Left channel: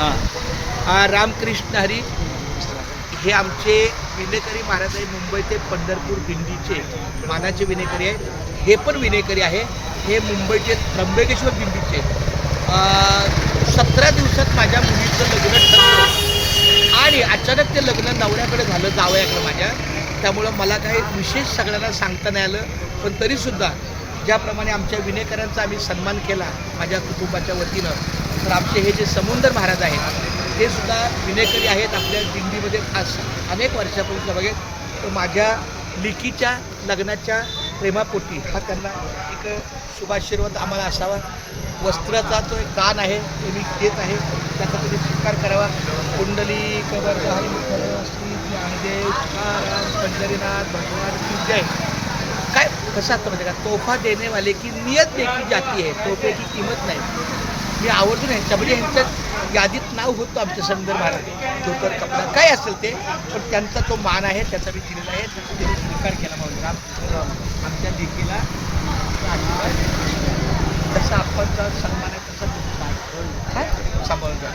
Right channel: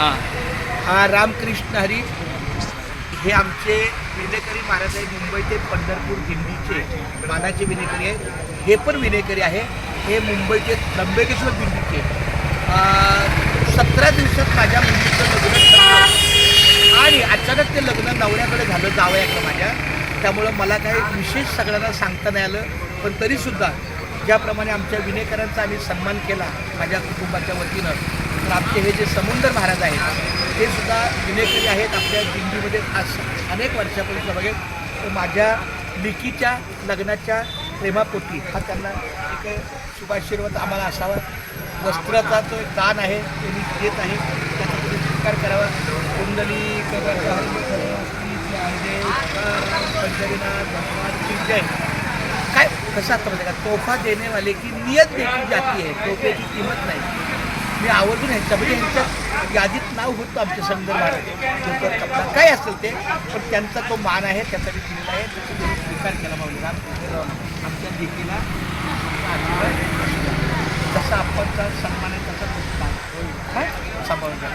रामकृष्ण हरी हे आमचे विनेकरी महाराज आहे. मुंबई ते पंढरपूर दिंडीचे मानाचे विनेकरी आहेत. हे पण विनेकरी आहे. हे मुंबईचे त्र्यंबकेश्वर दिंडीचे 17 दिवसात माझ्या मुलीचं लग्न ठरलं आणि अचानक ते लग्न नवऱ्याकडे झालं, जावयाकडे माझ्या. त्यामुळं मला काही विशेष सगळ्यांना सांगता नाही आलं. पण तरीसुद्धा ज्याप्रमाणे आमच्या विनेकरांचा आम्ही सन्मान केला माझ्या कुटुंबाच्या वतीनं, तर आमचे हे जे समुंदर महाराज आहेत ते सुद्धा विनेकरी आहेत. आपल्या दिंडीमध्ये अनेक वर्षापासून बघेल. तर माझ्या लेकीच्या लग्नाच्या प्रेमापोटी हा त्यांना एक शुभाशीर्वाद आम्हाला असावा. वस्त्राचा तो दान आहे, ते मी देत आहे, त्याचा तुम्ही स्वीकार करावा. कुंडली पंढरीनाथ भगवान की जय. काय कसं आता म्हणजे का तोफा देणे वाले की नियत देखील जाती आहे, तोफ्याची किंमत नाही. मी आवर्जून ह्यांच्यामध्ये ह्यांच्या यादीत नाव होतं आमच्या संदर्भात धोतर कपडा काय असेल ते, पण त्यांचा तो मान आहे, त्याचा मी दिलेला आहे, त्याचा तुम्ही स्वीकार केला पाहिजे. आमच्या लेकीला आमचा आशीर्वाद जसा आपण सन्मान आहे तसा काय सांभाळून घ्या.